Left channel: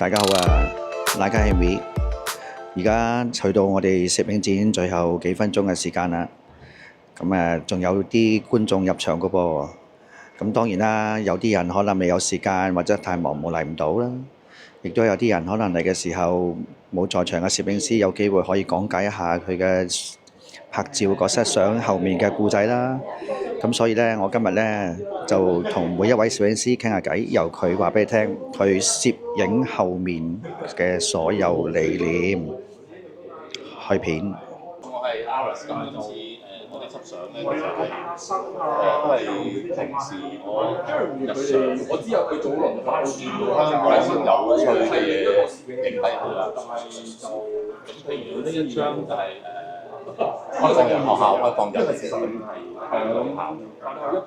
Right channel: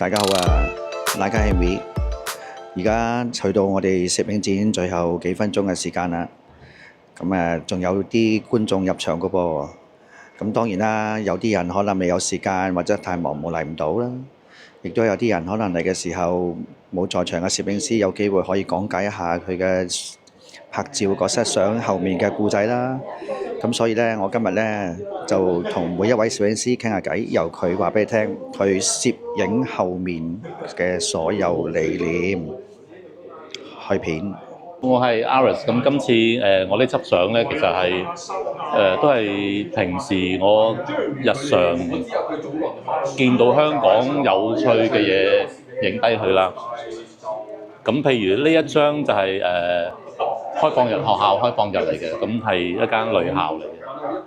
大家好啊，大家係 V，而家去到我哋攝影展最後幾分鐘嘅時間啦。咁仲有啲觀眾入場噶噃。咁當然啦，有啲人可能未有時間或者太忙冇嚟唔到啦。亦都有啲人可能嚟嘅時候冇在場嘅攝影師有機會可以講解一下佢嘅拍照嗰 set 相後面嘅故仔啦。咁所以呢，我今日呢就同每一位攝影師傾下偈，由佢話俾你聽佢攝影後面嘅所有理念去片。我係 Aris，咁今次我呢輯相咧，其實係都係平時我日常見到香港有趣嘅嘢影低佢啦。咁譬如呢一張就係開放日學校開放日嚟嘅，咁係一間女校嚟嘅。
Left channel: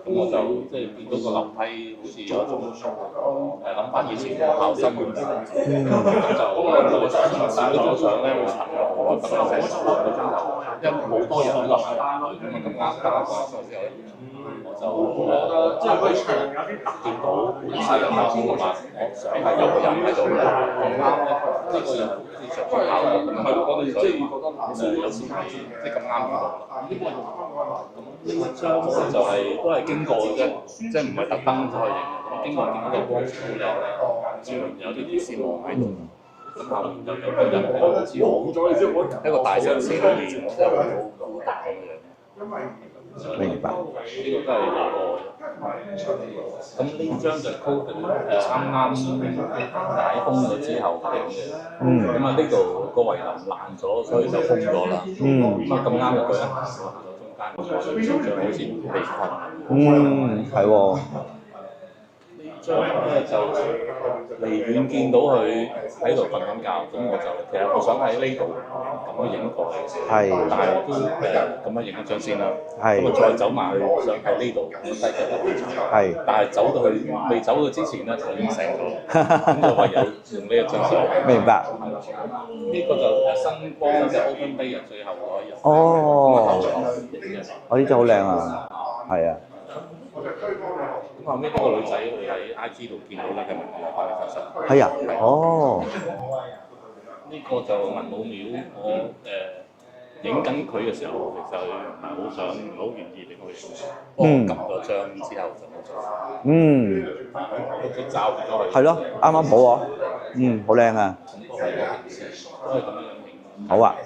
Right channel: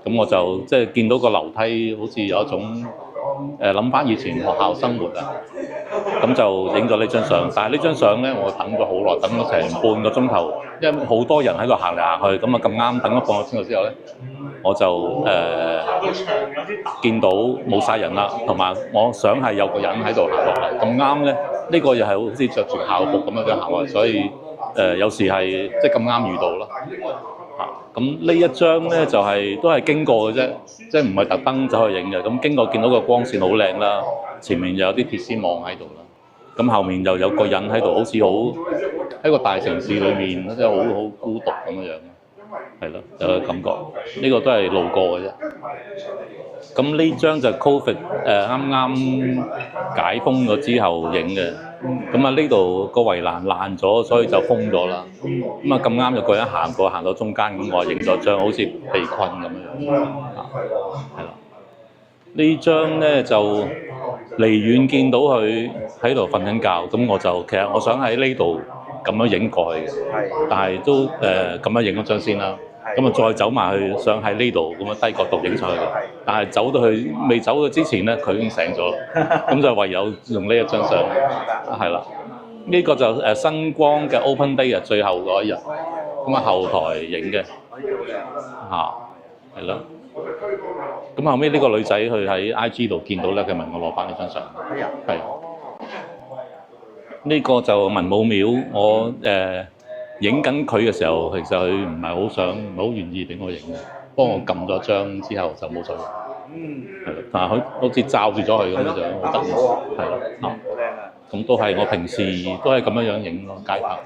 咁我就即係見到個樓梯好似有一種諗翻以前學校生活啊，咁就影咗呢張相。但係呢張相咧，我等咗好耐，等咗成半個鐘頭，因為好多人喺度行嚟行去，咁啊咁啱等咗半個鐘頭之後咧，我就見到冇晒人啦，同埋我想係有個人喺度落嚟，咁啱咧，呢個又係好似着住校服咁樣嘅行為，所以有時係即係咁啱遇到咯。咁呢一張咧就都係經過嘅啫，即係唔係特登走去影嘅。咁經過見到個光線好靚啦，前面又有啲鐵絲網喺度，咁後面又有個人喺度，好似好喺個大城市裏面，即係好孤獨咁樣。係咯，有個感覺。呢個都係路過嘅啫。咁呢張就係 Covid 啱啱解封咗之後影嘅。咁啊呢度個圍欄爛咗，所以就封咗啦。咁啊咁啱有個人行到中間，咁我影咗張好似被困咁樣。係喎。係啦。呢張咧就離遠見到佢喺度瞓緊覺，咁我就其實我想喺呢度咁樣影過去嘅，但係都咁樣影咗張先啦。咁啊再走埋去，想喺呢度咁樣低角度影上去。但係走到去未走到之前咧，佢已經醒咗，咁就唯有用呢一張相。明白。係啦，呢個就新光嘅 Open Day 啊，最後嗰一日。哦。咁啊後台影嘅。呢張好靚啊！嚇。係啊。係啦。咁後尾呢個女仔佢喺 IG 度見到咧，佢問我攞翻呢張相。係啊。係。哦。呢個就文武廟，我影緊佢嘅時候，其實佢唔係好願意俾我影嘅，幫我撳咗張之後就冇咗。但係佢好似罩住咗佢咁樣。係咯，啱啱好喎。係咯。好靚啊！咁都係我平時都係咁樣影咯。好啊，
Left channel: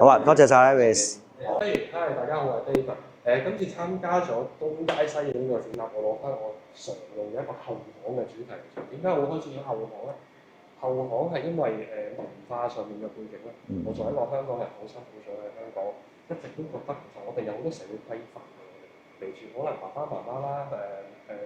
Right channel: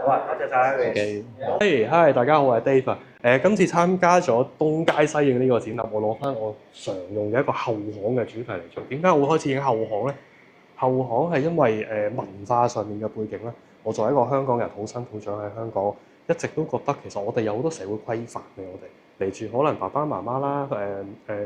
好啊，多謝晒 Alex。Hi，大家好，我係 Dave。今次參加咗東街西影呢個展覽，我攞翻我常用嘅一個後巷嘅主題嚟做。點解我會開始影後巷咧？後巷係因為文化上面嘅背景咧。我作為一個香港人，土生土長喺香港，一直都覺得其實我哋有好多社會規範嘅。我哋嚟自可能爸爸媽媽啦、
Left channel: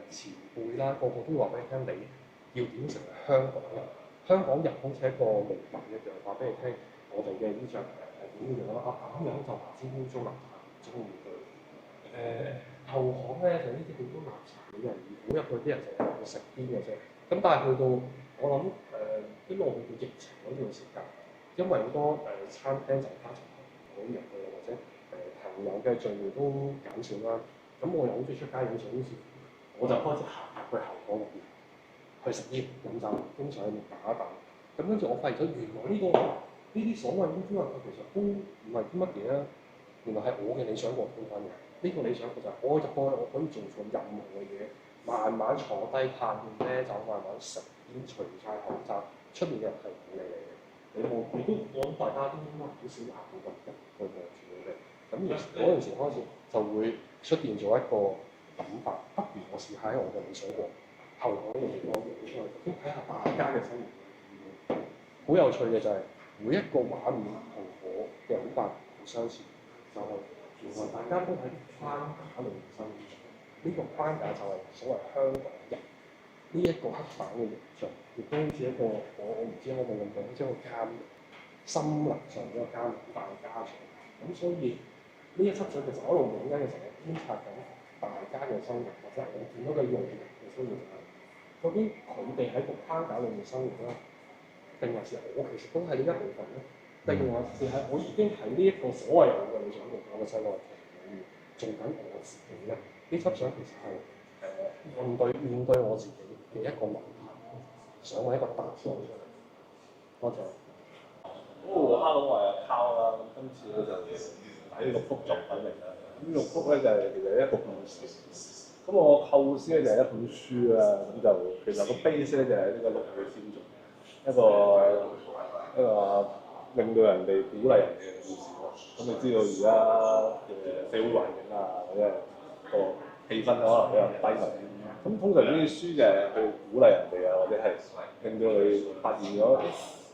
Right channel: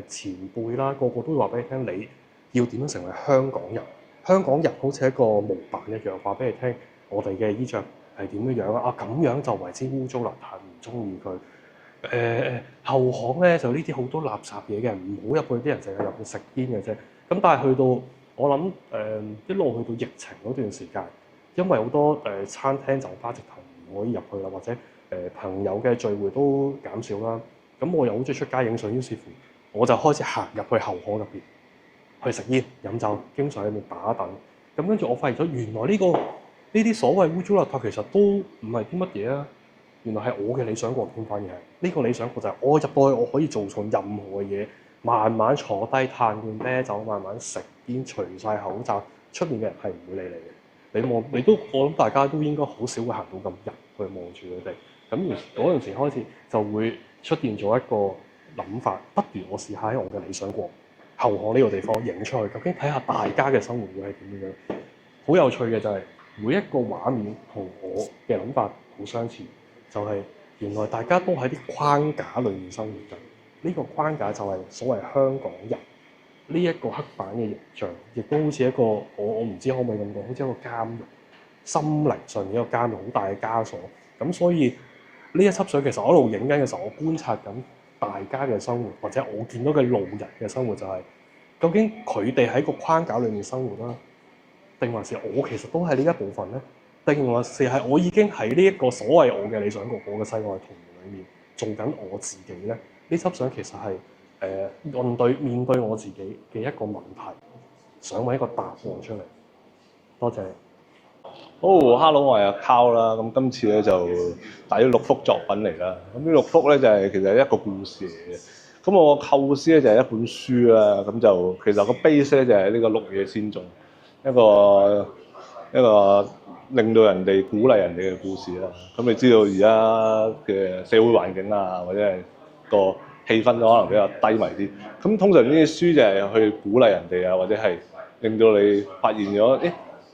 前輩啦，個個都會話俾你聽，你要點樣成為香港人？香港人好似一個模板一樣，話俾你聽，我哋嘅衣着係點樣啊？咁樣就為之污糟邋遢，唔中意佢。後巷咧就呢啲好多垃圾嘢嘅，唔好入去，啲人成日入去食煙嘅啫。咁但係去到我諗一路去到疫情嗰段時間，因為好多餐廳酒吧直頭唔可以入去啦，或者朋友嘅聚會都減少啦。咁我又好中意出街影相，於是乎我就開始行入去後巷入邊去食煙飲酒，經常喺度打躉。咁跟住我發現咗，原來呢啲所謂污糟邋遢其實都唔係啲乜嘢啊！原來係我嘅理想國添，反而係呢個理想國就係我入到去，我可以做錯任何嘅嘢，慢慢坐低嘆罐啤酒，慢慢食煙，除晒口罩，出面嘅人係唔會理你嘅。我諗大家都應該好少會行到咁入去望住佢哋。咁嗰陣時開始就會出現咗一個諗法，不如我試下喺我嘅理想國後巷呢個地方影出去，究竟睇下大家嘅生活會係點樣。好有趣嘅就係每一個畫面同我嘅諗法好相似。就係原來大家都喺啲框架裏面生活緊，呢個框架就係所謂香港人呢一個刻板嘅形象，亦都好似一個我唔知可唔可以咁講，好似一個監獄，心靈上面一個監獄，好大嘅枷鎖。咁所以呢一輯相其實我一路影緊嘅時候，我觀察緊大家嘅生活，或者我見到嘅路人嘅生活，就係究竟佢哋喺個框架裏面生活啦，定還是我其實都係呢一部分咧？定還是係我已經喺呢一個所謂我嘅理想國，我嘅世外桃源裏面做緊我自己咧？呢輯相其實係面對我自己嘅一個問題，想揾一個答案出嚟。多謝你。Hello，我係阿 Carl 啦。咁今次咧就帶咗6幅作品嚟啦。咁呢6幅咧就係其實一個故事嚟嘅。咁我構思咧就係一本書啦。咁就其實個 base 咧就係呢個綠野仙蹤，一個令到人哋鼓勵人哋嘅故事啦。咁你知道而家嘅社會環境啊，或者係個氣氛可能比較低迷啲。咁通常呢啲書就係去鼓勵人哋啊，或者係令到你發現咗，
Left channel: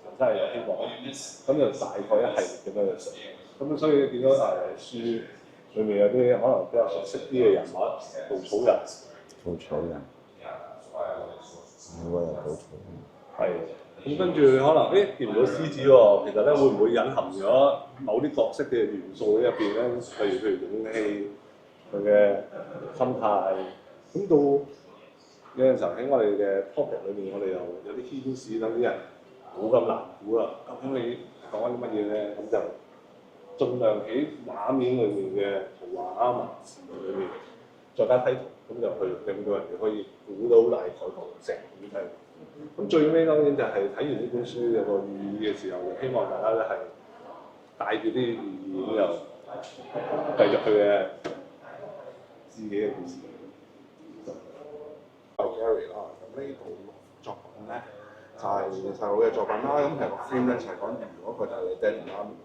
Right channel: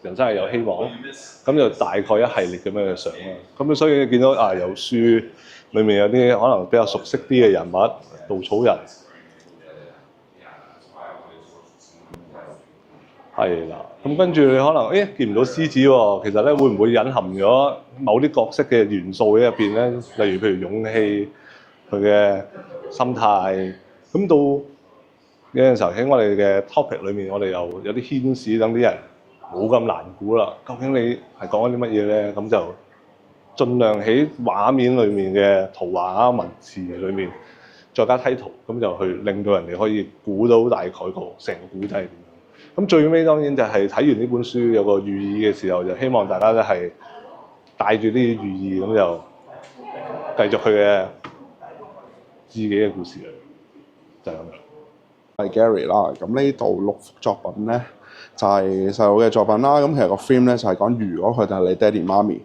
人生係有希望。咁就大概一系列咁樣去上啦。咁所以你見到有書裏面有啲可能比較熟悉啲嘅人物，稻草人。係啦，咁跟住你可能見唔到獅子喎，其實咧會唔會隱含咗某啲角色嘅元素喺入邊咧？例如譬如勇氣，佢嘅心態。咁到有陣時候喺我哋嘅 topic 裏面，我哋又有啲牽使，等啲人冇咁難估啦。究竟你係講緊啲乜嘢咧？咁就盡量喺畫面裏面嘅圖畫啊、文字裏面再加梯圖，咁就去令到人哋可以估到大概個成個故仔。咁最尾當然就係睇完呢本書有個寓意嘅時候，就希望大家都係帶住啲寓意，咁就繼續佢嘅自己嘅故事就係咁。係 Gary 啦，咁呢度6幅作品咧就係細佬嘅作品啦。咁其實個 theme 咧就係講如果佢哋係你爹哋媽咪，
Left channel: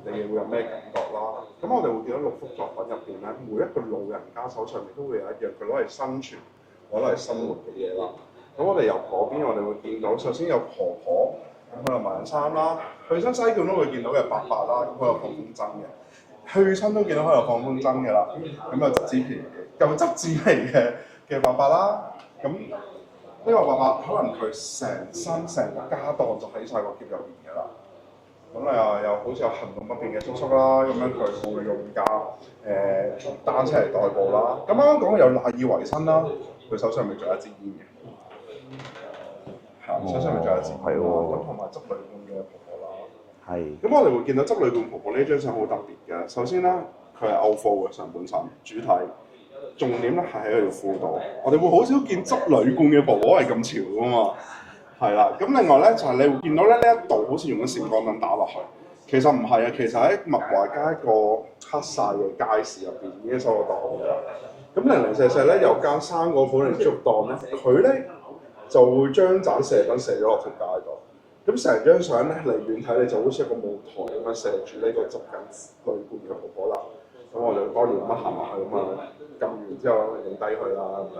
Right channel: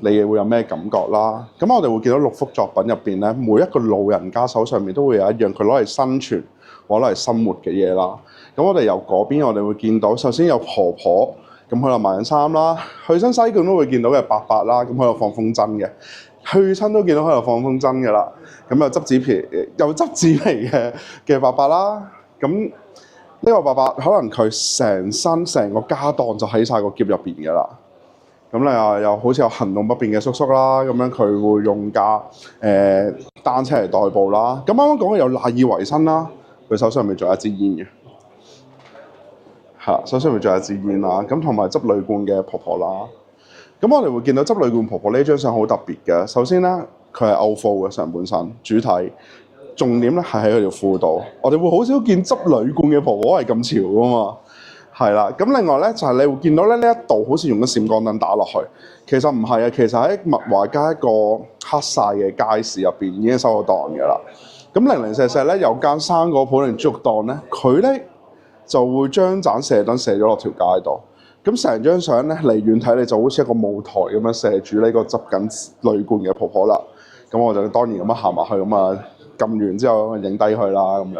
你會有咩感覺啦？咁我哋會見到6幅作品入邊咧，每一個老人家手上面都會有一樣佢攞嚟生存或攞嚟生活嘅嘢啦。咁我哋由嗰邊我哋會見到，首先有婆婆，咁喺度賣緊衫啦；去親西貢都會見到嘅伯伯啦，咁喺度放風箏嘅；去親都見到喺度放風箏嘅啦。咁又執紙皮，又執紙皮嘅伯伯啦。咁呢個伯伯可能佢成個家當就喺晒個篋入邊嘅啦。咁咧又好似有行動不便嘅叔叔啦，咁樣佢會用架單車嚟代步啦。咁啱啱講嘅有賴以為生啦，佢手上咪仲有一支煙嘅。手上面仲有支煙啦，咁同埋執鋁罐嘅婆婆啦。咁我哋會見到執鋁罐婆婆呢張相好特別嘅。首先咧，佢係 outflow 嘅上半身主體，重點咧係喺佢條褲度。我哋會好少見執鋁罐嘅婆婆係咁潮噶嘛。係啦，咁另外咧就係你會見到咧呢一度好似用咗閃光燈打落去，其實唔係啊，其實喺物華街一個黑晒嘅街市入邊已經收咗檔嘅啦。咁零零舍舍咧有間生果鋪定豬肉檔咧，佢咧就會將盞射燈射咗落條街度，咁成張相咧離遠睇你就好似一個舞台咁樣射住呢個執緊鋁罐嘅婆婆啦。咁我就當然咁樣行埋去，咁啊撳完之後影低佢啦咁樣。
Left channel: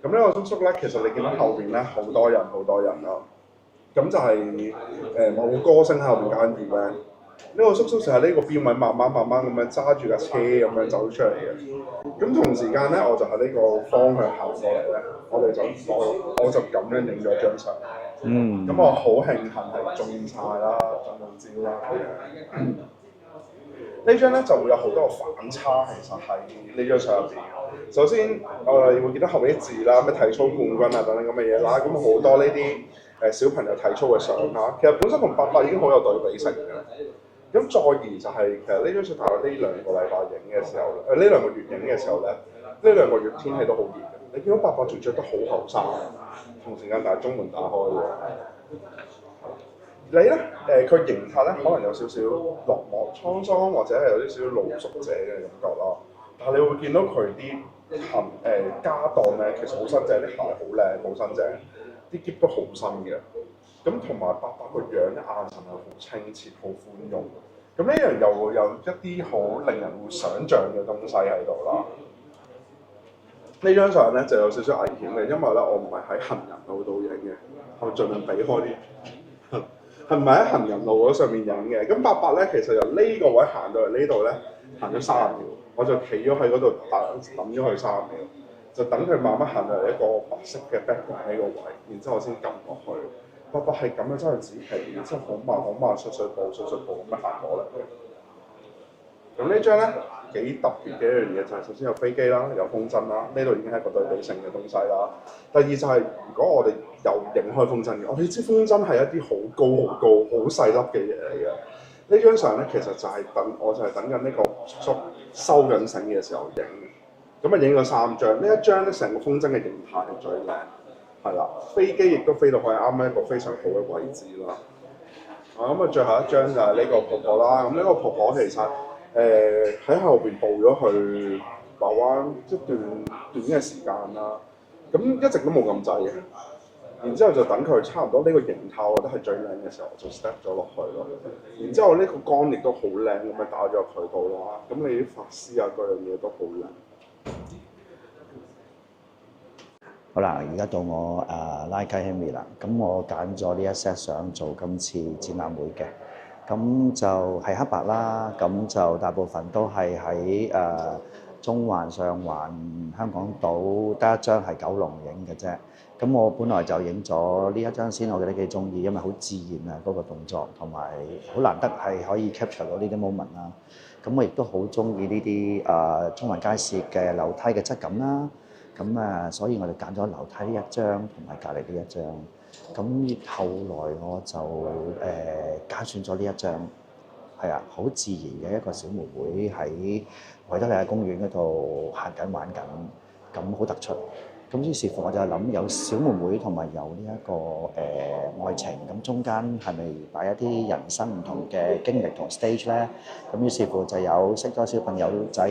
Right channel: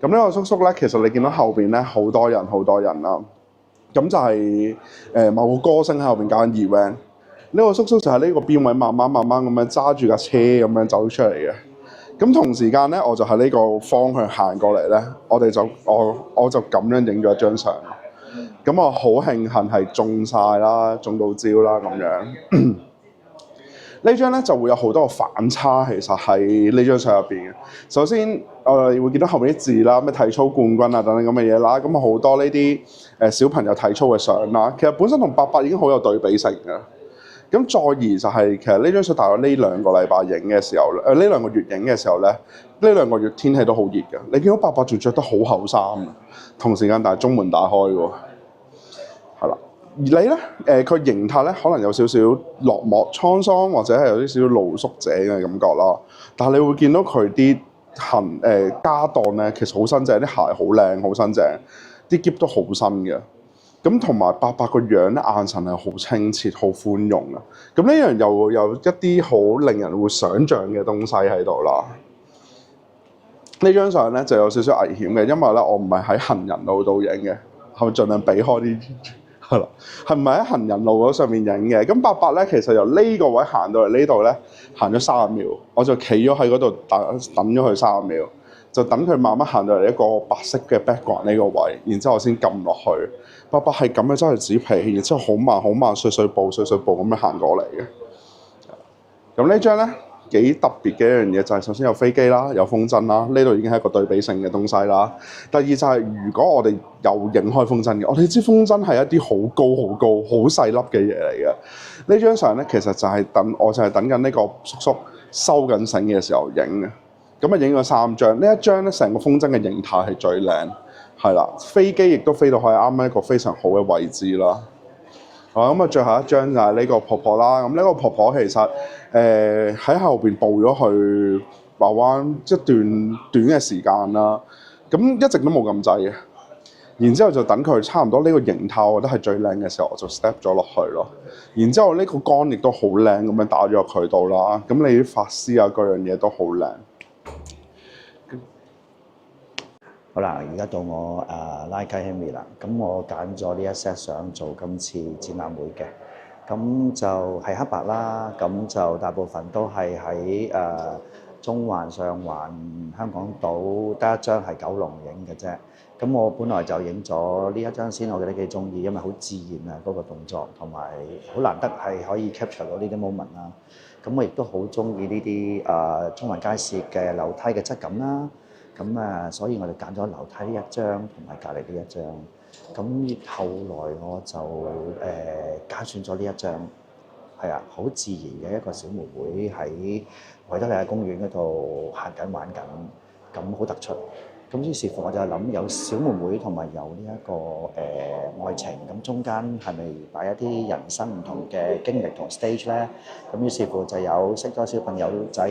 咁呢個叔叔咧，其實你見到後邊咧好多人啦，咁就係某個歌星喺後邊搞緊 event。呢個叔叔就係呢個邊位慢慢咁樣揸住架車咁樣走出嚟嘅。咁同時間咧，我就喺呢個方向行過嚟咧，我就咁樣影咗一張相。咁我好慶幸係中晒啦，中到招啦咁樣。呢張咧就會有好多個反差，其實喺呢張相入邊嘅。首先，我哋會見到後面啲字啦，咩體操冠軍啊等等咁嘅嘢啦。咁好多呢啲小朋友體操嘅相啦，其實本身同伯伯已經好有對比性嘅。咁再而就係其實呢張相大概呢2個禮拜影嘅時候呢2個月影嘅時候咧，呢2個月天氣都好熱嘅。你見到伯伯仲着得好後生，同時間但係中門打開喎，係啦。而你咧佢形態咧可能有少少落寞滄桑，或者係有啲少少露宿者嘅感覺啦。但係你會見到佢啲家當咧，其實好新淨，啲鞋好靚好新淨，啲喼都好新嘅。咁同埋伯伯個樣咧，眼神係好清澈、好寬容啊！咁呢樣又有一啲好令人會想像嘅東西喺度啦。呢張相咧就有少少危險嘅，因為咧我唔係喺行人路度影嘅，係咪盡量避開啲係啦？係唔係喺行人路嗰上面影嘅？咁伯伯咧其實由呢個位行到嚟呢度咧，行咗30秒，我就企咗喺嗰度等咗佢30秒，就等佢慢慢行到嚟一個白色嘅 background 呢個位，然之後我先撳落去。伯伯係咁樣揸住紙皮，然之後好慢碎碎步咁樣行過嚟嘅。咁呢張咧幾特別嘅一樣嘢就係首先有飛機啦，有風箏啦，呢度已經係一個對比性嘅東西啦。第二就係如果我哋又影開風箏嘅，我哋知風箏係一啲好高、好細粒嘅嘢嚟嘅。呢張相咧其實就係我就係等緊呢個叔叔收緊繩嘅時候影嘅。咁啊影咗3張，呢一張咧成個風箏嘅形態係最靚。係啦，飛機亦都飛到去啱啱一個非常好嘅位置啦。咁啊，最後一張就係呢個婆婆啦。咁呢個婆婆其實喺後邊步咗去馬灣一段短嘅時間啦。咁一直都冇咁滯嘅。然之後就等佢差唔多呢個形態，我覺得係最靚嘅時候，我就 step 咗落去咯。然之後呢個杆亦都好靚咁樣打咗入佢度啦。咁你啲髮絲啊，各樣嘢都好靚。好啦，而家到我拉雞 Henry 啦。咁我揀咗呢一 set 相做今次展覽會嘅。咁就係黑白啦。咁就大部分都係喺中環、上環、香港島得一張係九龍影嘅啫。咁我本來就影咗呢一張先，我覺得幾中意，因為好自然啊嗰個動作，同埋好難得係可以 capture 到呢啲 moment 啦。咁我亦都好中意呢啲中環街市嘅樓梯嘅質感啦。咁所以我哋揀咗樓梯呢一張同埋隔離呢一張。咁後來我就揀選咗呢一張，係啊，好自然嘅一個小妹妹喺維多利亞公園嗰度行緊玩緊，咁好突出。咁於是乎我就諗有小妹妹同埋有呢一個愛情，咁中間係咪擺一啲人生唔同嘅經歷同 stage 咧？咁於是乎就有識咗小朋友仔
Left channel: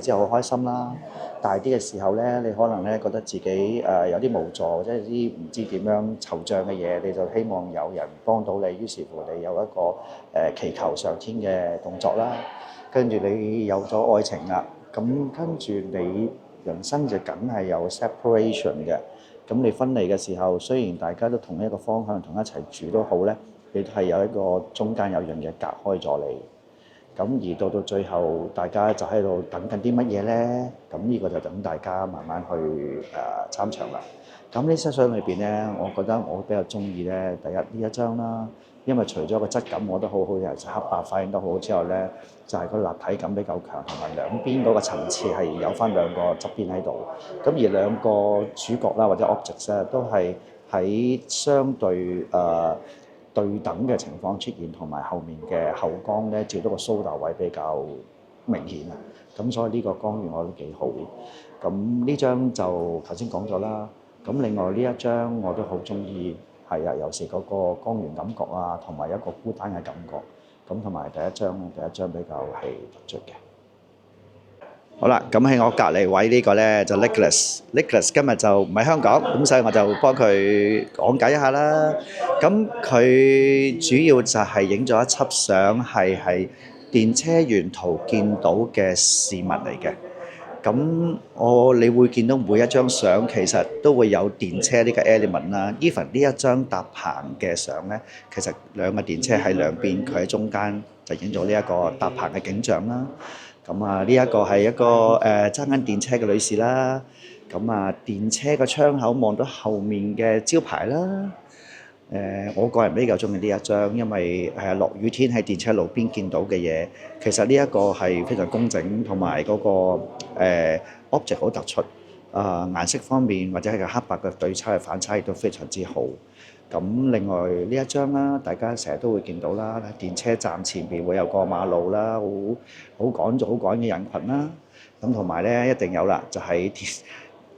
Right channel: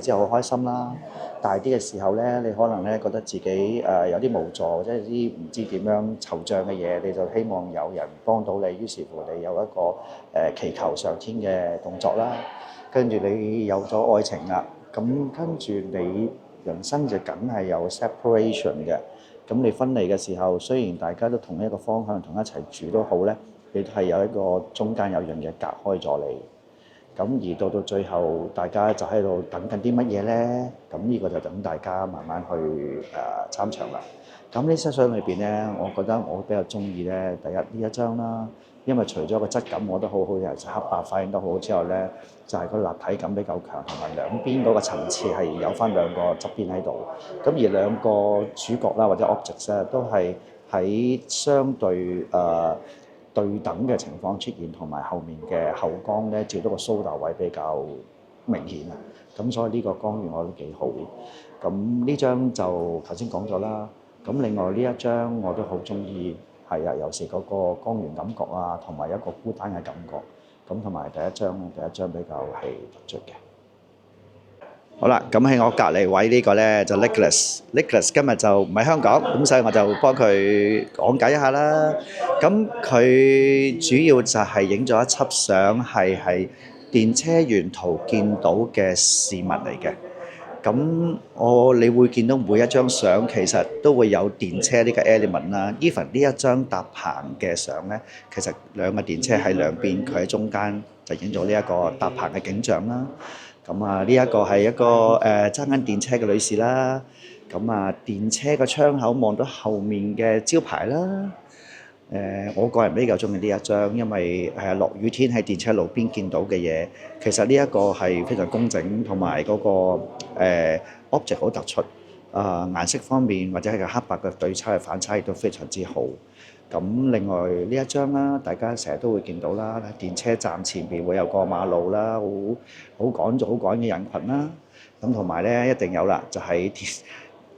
之後好開心啦。大啲嘅時候咧，你可能咧覺得自己有啲無助，或者啲唔知點樣惆悵嘅嘢，你就希望有人幫到你。於是乎你有一個祈求上天嘅動作啦。跟住你有咗愛情啦，咁跟住你人生就梗係有 separation 嘅。咁你分離嘅時候，雖然大家都同一個方向同一齊住都好咧，你係有一個中間有樣嘢隔開咗你。咁而到最後，大家就喺度等緊啲乜嘢咧？咁呢個就等大家慢慢去參詳啦。咁呢些相裏邊咧，我覺得我比較中意咧，第一呢一張啦，因為除咗個質感我覺得好好，尤其是黑白反應得好好之後咧，就係個立體感比較強，同埋兩邊嗰個層次係有翻兩個側邊喺度。咁而兩個主角啦或者 objects 咧，都係喺相對對等嘅情況出現，同埋後面嘅後光咧照到個蘇打位比較明顯啊。咁所以呢個光源我覺得幾好。咁呢張就頭先講咗啦。咁另外呢一張我都好中意，係啊，有時嗰個光源感覺啊，同埋一個孤單嘅感覺。咁同埋第一張比較係突出嘅。好啦，咁喺我隔離位呢個咧就 Nicholas 今日就唔喺香港，咁所以我就幫佢講解一下啦。咁佢主要就係影咗一輯相，係電車沿途見到嘅事物嚟嘅。咁你會見到每一張相其實都會有電車呢個 element 啦。even 呢一張搭棚嘅相咧，其實兩個電車喺兩邊，佢喺中間就影咗呢一個搭棚嘅景象啦。咁呢一個係一個揸緊電車嘅女士啦。咁電車個窗口望到後面嘅招牌啦。我個人比較中意呢一張，因為落雨天喺電車路邊見到嘅嘢，其實呢一個係非常工整，同埋嗰個object 好突出。顏色方面或者係個黑白嘅對差嘅反差亦都非常之好。咁另外呢一張啦，大家成日都會見到啦，電車站前邊會有個馬路啦，好趕嘅人群啦。咁同埋咧一定有啦，就喺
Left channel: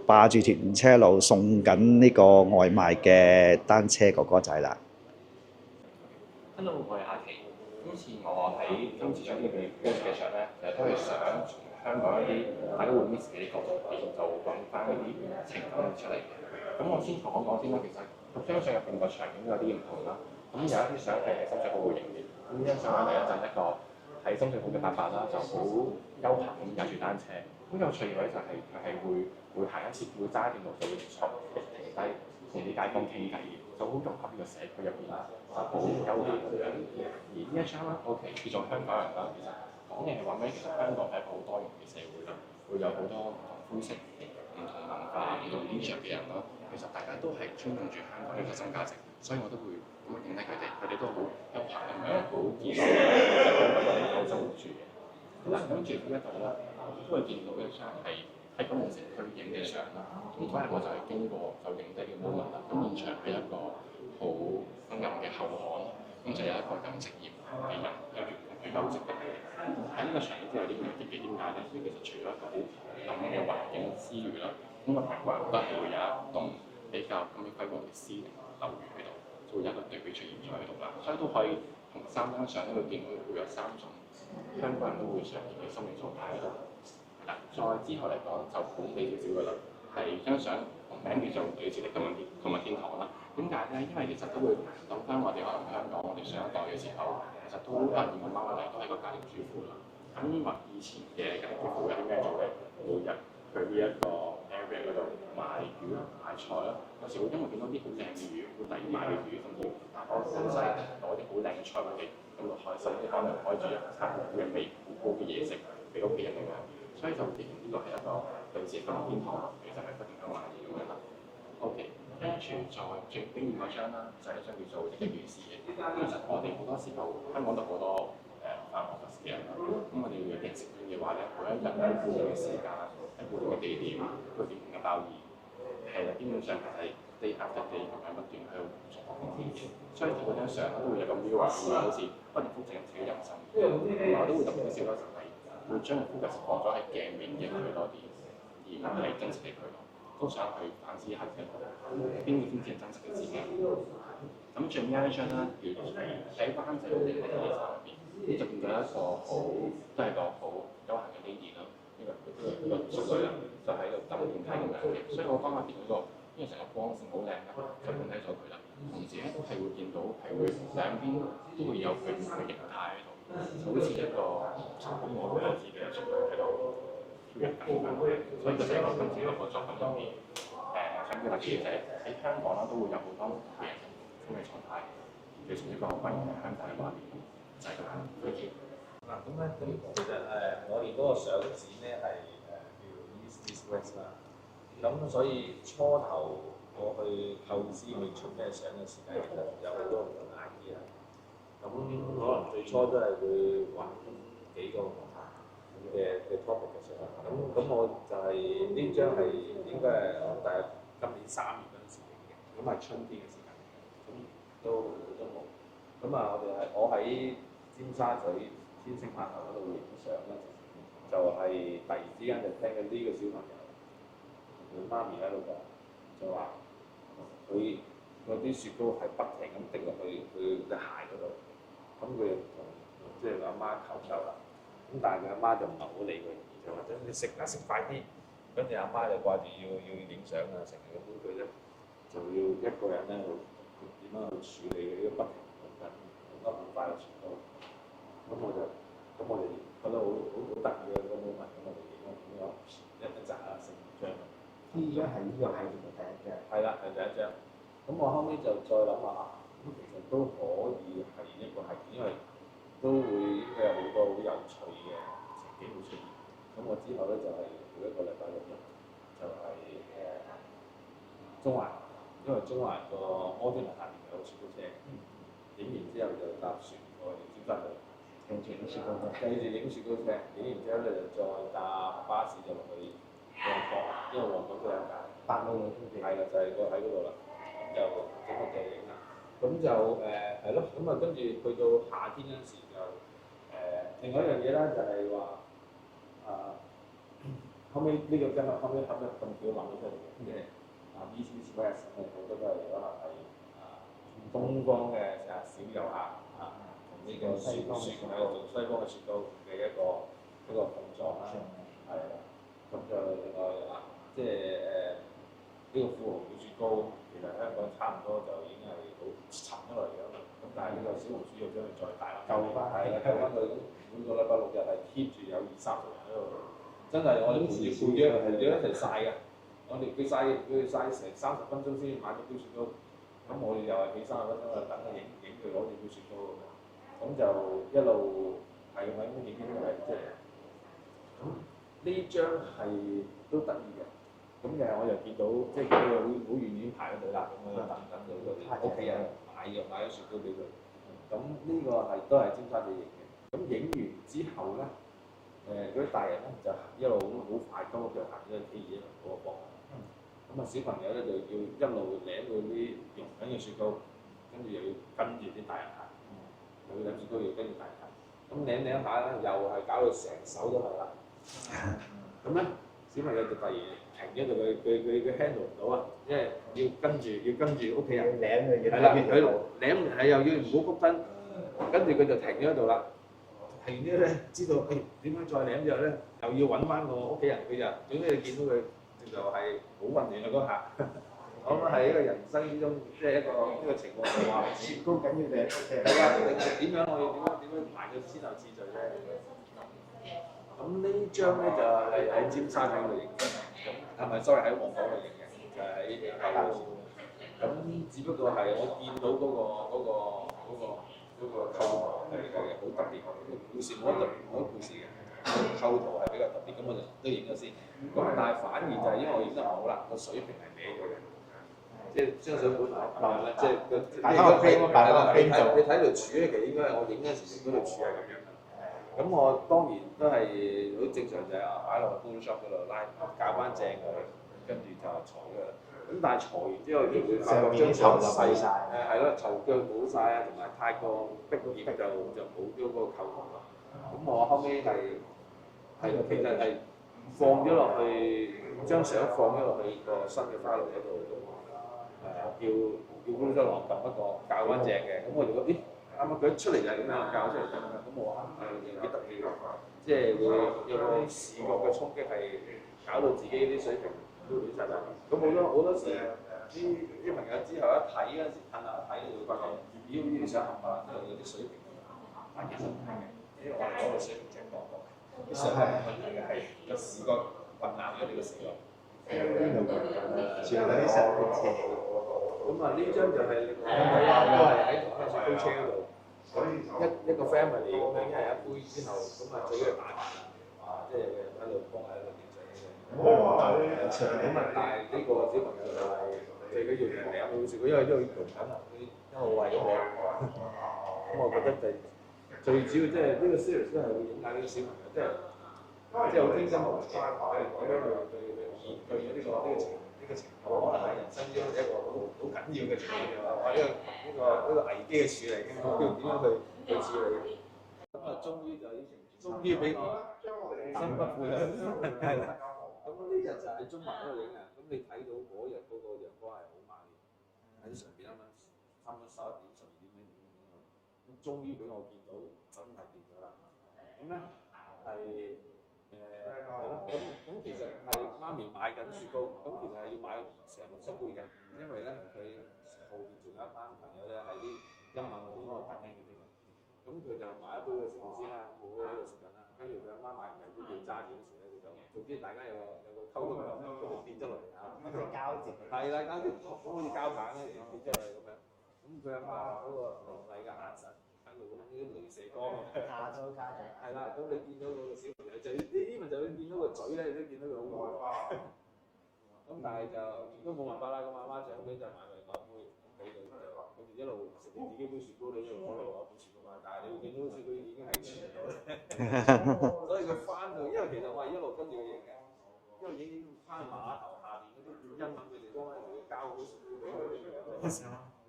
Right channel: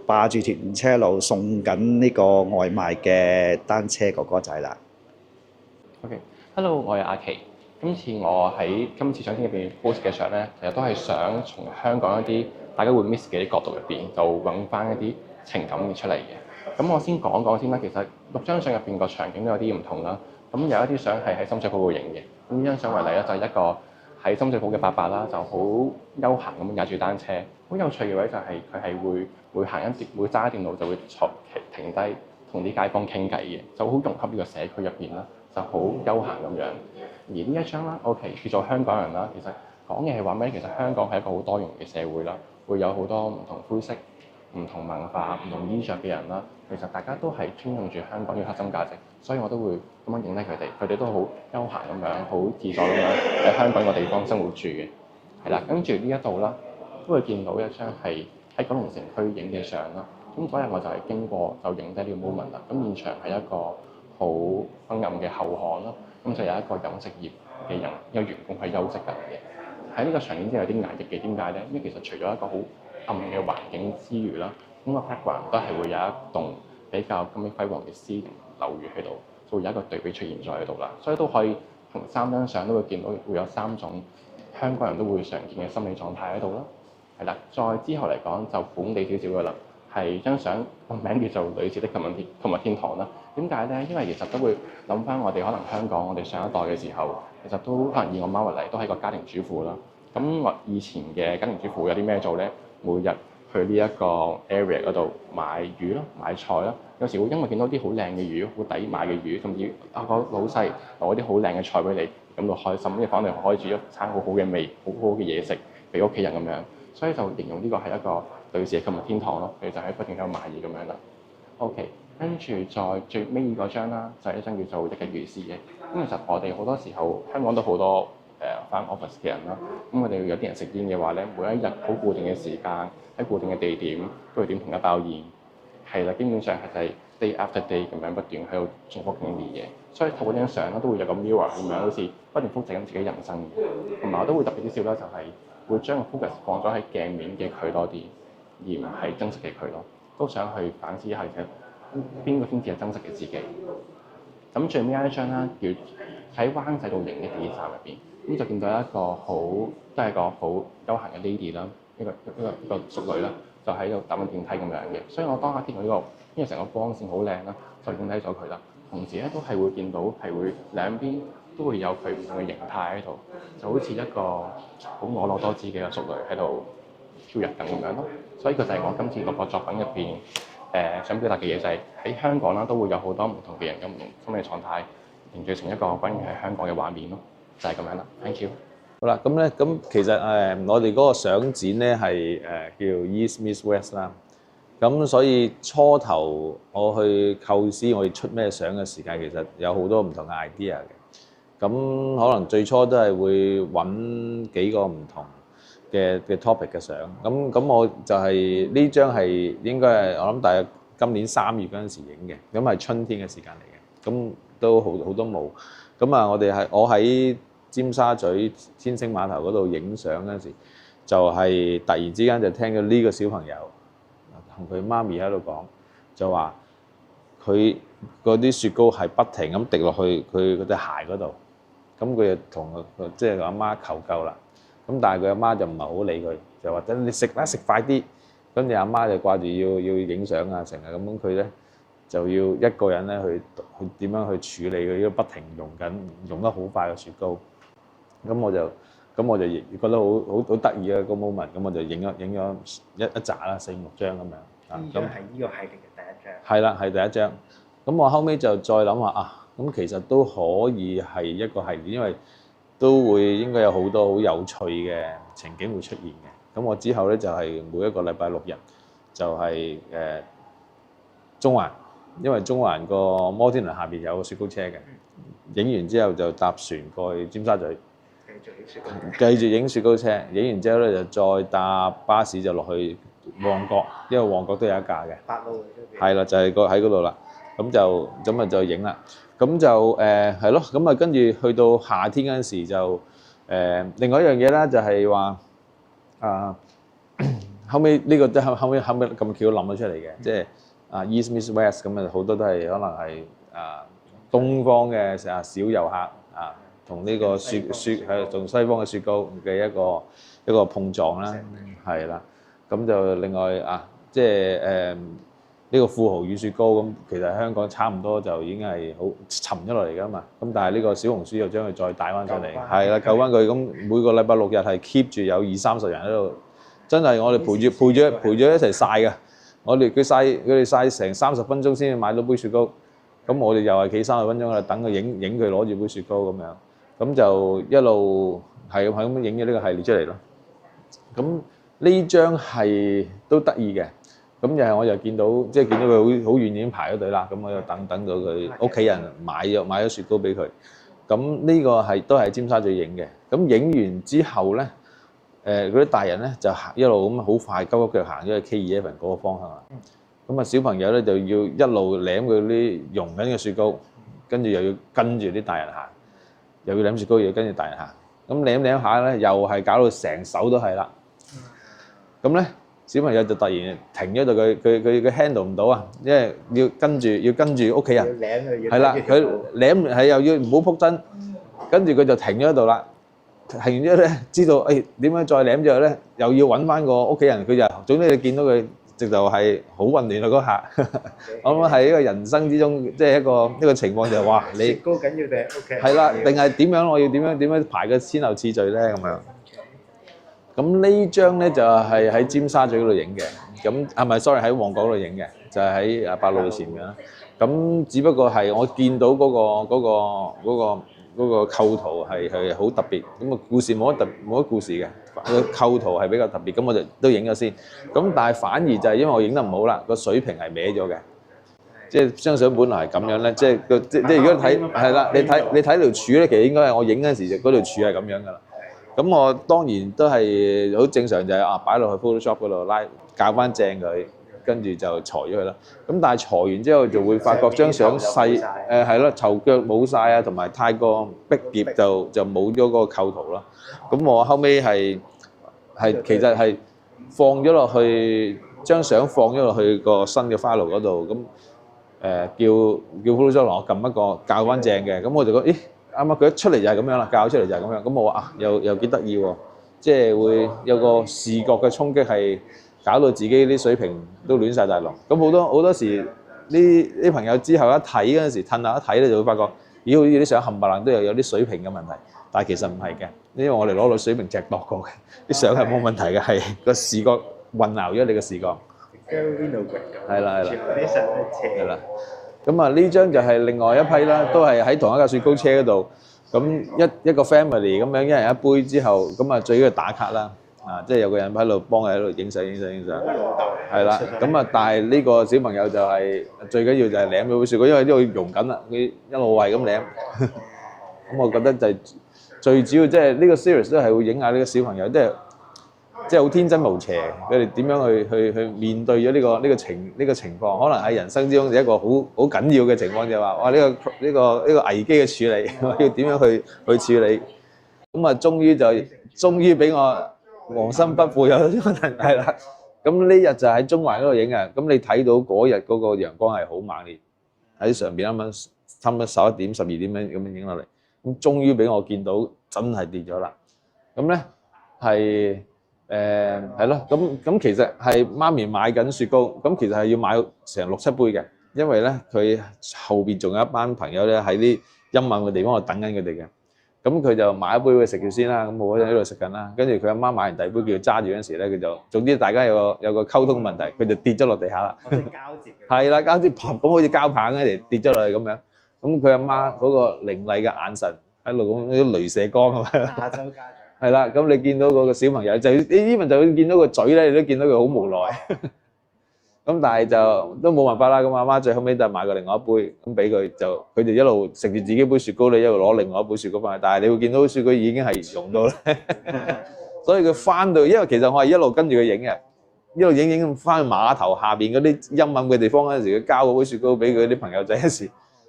霸住電車路送緊呢個外賣嘅單車哥哥仔啦。OK，Hello，我係阿奇。今次我喺今次相片入邊 post 嘅相咧，其實都係想從香港一啲大家會 miss 嘅啲角度入邊，就揾翻一啲情感出嚟嘅。咁我先講講先啦。其實6張相入邊個場景都有啲唔同啦。咁有一啲相係喺深水埗度影嘅。咁呢張相為例咧，就係一個喺深水埗嘅伯伯啦，就好悠閒咁踩住單車。好有趣嘅位就係佢係會行一節，會揸電腦就會停低同啲街坊傾偈嘅，就好融合呢個社區入邊啦，就好悠閒咁樣。而呢一張啦 ，OK 叫做香港人啦，其實講嘅係話咩？其實香港係一個好多元嘅社會啦，會有好多唔同膚色、唔同文化、唔同衣着嘅人啦。其實大家都係尊重住香港嘅核心價值，所以我都會咁樣影低佢哋。佢哋都好悠閒咁樣，好自在咁樣喺香港個地方生活住嘅。係啦，跟住呢一度啦，都會見到一張係喺九龍城區影嘅相啦。咁嗰日我就係經過就影低呢個 moment 啦。咁現場係一個好昏暗嘅後巷啦。咁就有一個飲食業嘅人，一個員工係休息緊嘅。喺呢個場景之後有啲壓抑嘅，點解咧？因為其實除咗一個好暗嘅環境之餘啦，咁個 background 都係會有一棟比較金碧輝煌嘅私人樓宇喺度，就會有一個對比出現咗喺度啦。所以都可以同3張相都會見到會有3種香港人都會常見嘅心理狀態喺度啦。係啦，再之後嚟講就本地少少嘅啦，係張相個名叫做女士的購物天堂啦。點解咧？因為其實都會諗翻我哋可能香港我哋上一代嘅時候，其實都可能以我媽為例，都係個家庭主婦啦。咁我以前嘅家庭主婦有啲咩做咧？每日去呢一個 area 嗰度買魚啦、買菜啦。有時會因為見到啲好靚嘅魚、好抵買嘅魚，甚至個老細攞啲好靚嘅菜俾你，感到開心，跟住翻嚟可以煮一餐好好嘅味、好好嘅嘢食俾屋企人咁樣。所以就形容呢個係一個女士嘅購物天堂咯。佢就喺不斷喺度買嘢咁樣啦。OK， 跟住再最尾嗰張啦，就係一張叫做日日如是嘅。咁其實我哋好多時候香港都好多返 office 嘅人啦。咁我哋有啲人食煙嘅話咧，每一日好固定嘅時間喺固定嘅地點都會點同一包煙。係啦，基本上係就係 day after day 咁樣不斷喺度重複緊啲嘢。所以透過張相咧都會有個 mirror 咁樣，好似不斷複製緊自己人生。同埋我都會特別啲笑啦，就係會將個 focus 放咗喺鏡面嘅佢多啲，而唔係真實嘅佢咯。都想去反思一下其實邊個先至係真實嘅自己。咁最尾一張咧，要喺灣仔度影嘅電視站入邊，咁就見到一個都係個好悠閒嘅 lady 啦，一個淑女啦，就喺度搭緊電梯咁樣嘅。所以我當下見到呢個，因為成個光線好靚啦，就影低咗佢啦。同時咧都係會見到係會兩邊都會有佢唔同嘅形態喺度，就好似一個好婀娜多姿嘅淑女喺度飄逸緊咁樣咯。所以佢就係我今次個作品入邊想表達嘅嘢，就係喺香港啦，都會有好多唔同嘅人有唔同心理狀態，凝聚成一個關於喺香港嘅畫面咯，就係咁樣啦。Thank you。好啦，咁咧，咁其實我哋嗰個相展咧係叫 East Meets West 啦。咁所以初頭我去構思我哋出咩相嘅時間，其實有好多唔同嘅 idea 嘅。咁可能最初都係會揾幾個唔同嘅 topic 嘅相。咁我就係呢張係應該係我諗大約今年3月嗰陣時影嘅，咁係春天嘅時間嚟嘅。咁都好多霧。咁啊，我喺尖沙咀天星碼頭嗰度影相嗰陣時，就係突然之間就聽到呢個小朋友同佢媽咪喺度講，就話佢嗰啲雪糕係不停咁滴落去佢嗰隻鞋嗰度，咁佢就同即係阿媽求救啦。咁但係佢阿媽就唔係好理佢，就話等你食啦，食快啲。跟住阿媽就掛住要影相啊，成日咁佢咧就要一個人咧去點樣去處理佢呢個不停溶得好快嘅雪糕。咁我就覺得好得意嘅個 moment， 咁我就影咗一紮啦，4、5張咁樣。呢張係呢個系列嘅第一張。係啦，係第一張。咁我後尾就再諗話啊，咁其實都可以係一個系列，因為都會應該有好多好有趣嘅情景會出現嘅。咁我之後咧就係每一個禮拜6日就係中環，因為中環個摩天輪下邊有個雪糕車嘅。影完之後就搭船過去尖沙咀，繼續影雪糕車。影完之後咧就再搭巴士就落去旺角，因為旺角都有一架嘅。8路嘅。係啦，就係喺嗰度啦。咁就影啦。咁就係咯。咁啊跟住去到夏天嗰陣時就另外一樣嘢啦，就係話後尾呢個都後尾咁巧諗咗出嚟嘅，即係East Meets West 咁啊，好多都係可能係東方嘅小遊客同呢個雪係同西方嘅雪糕嘅一個碰撞啦，係啦。咁就另外即係呢個富豪與雪糕咁，其實香港差唔多就已經係好沉咗落嚟㗎嘛。咁但係呢個小紅書又將佢再帶翻出嚟，係啦，救翻佢。咁每個禮拜6日係 keep 住有20-30人喺度，真係我哋陪住一齊曬㗎。佢哋曬成30分鐘先至買到杯雪糕，咁我哋又係企30分鐘啦，等佢影佢攞住杯雪糕咁樣，咁就一路係咁影咗呢個系列出嚟咯。咁呢張係都得意嘅，咁又係我又見到佢好遠已經排咗隊啦，咁我又等到佢屋企人買咗雪糕俾佢。咁呢個都係尖沙咀影嘅，咁影完之後咧。嗰啲大人咧就一路咁好快急腳行咗去 K11嗰個方向啦。咁小朋友咧就要一路舐佢啲溶緊嘅雪糕，跟住又要跟住啲大人行，又要舐雪糕，又要跟住大人行。咁舐下咧，又係搞到成手都係啦。咁咧小朋友就突然停咗度，佢 handle 唔到啊，因為要跟住屋企人。要舐佢。係啦，佢舐係又要唔好仆真，跟住佢就停咗喺度啦。停完之後咧，知道誒點樣再舐之後咧，又要揾翻個屋企人，佢就總之你見到佢直頭係好混亂啊嗰下。我諗係一個人生之中，即係一個情況就係話你高緊要定係 OK？係啦，定係點樣？我要點樣排個先後次序咧咁樣。咁呢張咧就係喺尖沙咀嗰度影嘅，咁係咪 sorry 喺旺角嗰度影嘅，就係喺百老匯前面啦。咁只不過係我見到嗰個構圖係好特別，咁啊故事冇乜故事嘅，個構圖係比較特別，咁我就都影咗先。咁但係反而就係因為我影得唔好啦，個水平係歪咗嘅，即係張相本來係咁樣咧，即係如果睇係啦，你睇條柱咧，其實應該係我影嗰陣時就嗰條柱係咁樣㗎啦。咁我當然都係好正常，就係擺落去 Photoshop 嗰度校翻正佢，跟住就裁咗佢啦。咁但係裁完之後就會發覺張相細，係咯，頭腳冇晒啊，同埋太過逼夾就冇咗嗰個構圖啦。咁我後尾係其實係放咗落去張相放咗落去個新嘅 file 嗰度，咁叫 Photoshop 我撳一個校翻正嘅，咁我就覺得咦〜啱啱佢一出嚟就係咁樣啦，教出嚟就係咁樣。咁我話啊，又幾得意喎，即係會有個視覺嘅衝擊，係搞到自己啲水平都亂晒大龍。咁好多時啲朋友之後一睇嗰陣時，褪下一睇咧，就會發覺咦，好似啲相冚唪唥都有啲水平嘅問題。但係其實唔係嘅，因為我哋攞個水平尺度過嘅，啲相係冇問題嘅，係個視覺混淆咗你個視覺。係啦。係啦。咁啊，呢張就係另外一批啦，都係喺同一架雪糕車嗰度。咁一個 family 咁樣，一人一杯之後，咁啊最緊要打卡啦，即係有個人喺度幫佢喺度影相。係啦，咁啊，但係呢個小朋友就係最緊要就係舐咗杯雪糕，因為呢度溶緊啦，佢一路係咁舐。咁我覺得就係最主要，即係呢個 series 都係會影下呢個小朋友，即係好天真無邪，佢哋點樣去面對咗呢個情況，可能喺人生之中一個好緊要嘅情況，就係話哇呢個危機嘅處理，要點樣去處理？咁啊，終於俾我黃心不負有係啦。咁呢日就喺中環嗰度影嘅，咁你睇到嗰日嗰個陽光係好猛烈，喺上邊啱啱差唔多11點、12點咁樣影落嚟，咁終於俾我見到真係跌咗啦。咁咧係。係咯，咁其實係媽咪買緊雪糕，咁其實係要買成6、7杯嘅，因為咧佢後邊仲有一班朋友咧喺啲陰暗嘅地方度等緊佢哋嘅，咁佢就買一杯佢食住先啦，咁我喺度食緊啦，跟住佢阿媽買完第二杯叫佢揸住嗰陣時咧，佢就總之大家有個溝通問題，佢就跌咗落地下啦。交接嘅。係啦，交接咁好似膠棒嗰嚟跌咗落去咁樣，咁佢阿媽嗰個凌厲嘅眼神喺度咁啲雷射光咁樣。亞洲家長。係啦，咁你見到嗰個小朋友你 even 就見到個嘴咧，你都見到佢好無奈。咁但係就都冇辦法啦。咁阿媽最後尾就買過另外一杯，咁俾佢就佢哋一路食住自己杯雪糕，你一路攞另外一杯雪糕翻去。但係你會見到雪糕已經係溶到咧，所以佢翻到，因為其實我係一路跟住佢影嘅，一路影翻去碼頭下邊嗰啲陰暗嘅地方嗰陣時，佢交嗰杯雪糕俾佢啲朋友仔嗰時，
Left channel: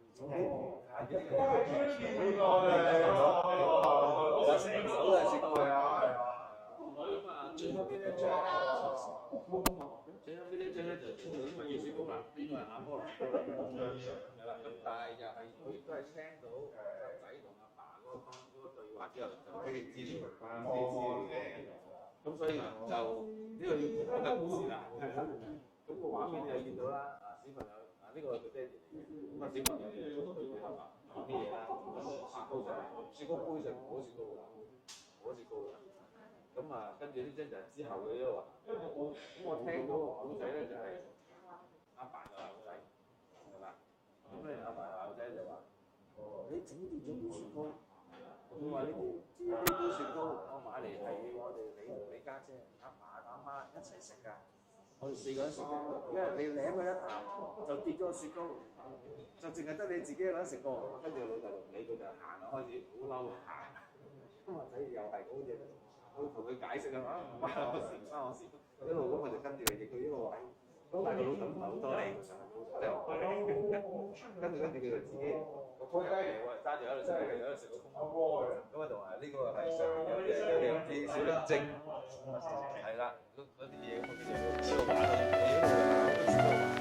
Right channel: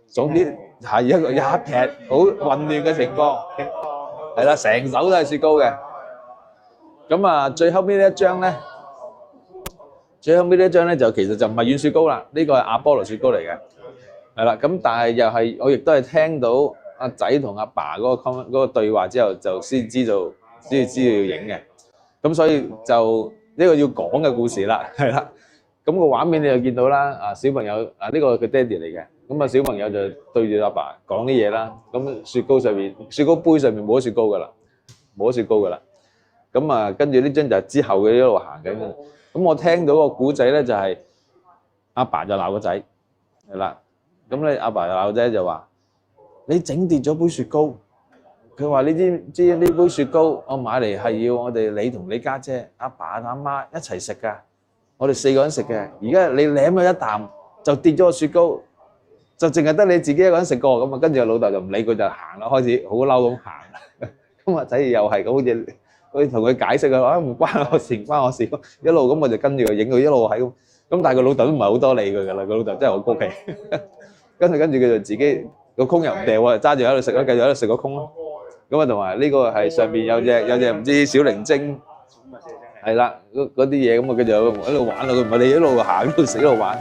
總之係一劈好混亂嘅情況。係啦，成手都係雪糕嘅。咁啊，最後尾呢一張咧，就其實就唔係軟雪糕啦，呢個係阿波羅雪糕嚟嘅。係啦，咁但係又係我亦都係聽到阿仔同阿爸嗰個對話之後，就先知道要影嘅。咁所以就呢個要講嘅故事啦，係啦。咁個畫面你就見到啦，啊小朋友啊呢個佢爹哋嚟嘅，咁啊小朋友就對住阿爸講啲嘢啦，咁雪糕杯上面冇咗雪糕噶啦，咁啊跟住呢張就係之後嘅一路行緊，咁我聽到個古仔咧就係阿爸就鬧個仔，係啦，咁咧阿爸就鬧個仔就話你整跌咗杯雪糕，佢話你知唔知呢杯雪糕我買嚟係要我哋你同你家姐、阿爸阿媽一齊食㗎。我哋4個人食嘅，而家你舐咗一啖就跌咗個雪糕，就淨係得你自己一個人食過咁啊！跟住個老豆就唔理佢就行啦，開始好嬲咁行。咁啊仔又係咁好似同佢解釋啊，唔關我事，唔關我事。一路咁我就跟住佢影佢一路係咁。咁但係個老豆都唔係好多理佢㗎啦，個老豆真係好高氣。跟住佢就自己個空又唔掉喎，揸住喺度食咯，繼續喺度食個空咯。咁啊同埋呢個係上邊有隻唔知小靈精。係啦，嗰啲嘢咁啊，佢就喺度玩咯，佢唔係你一路行一路食一路玩。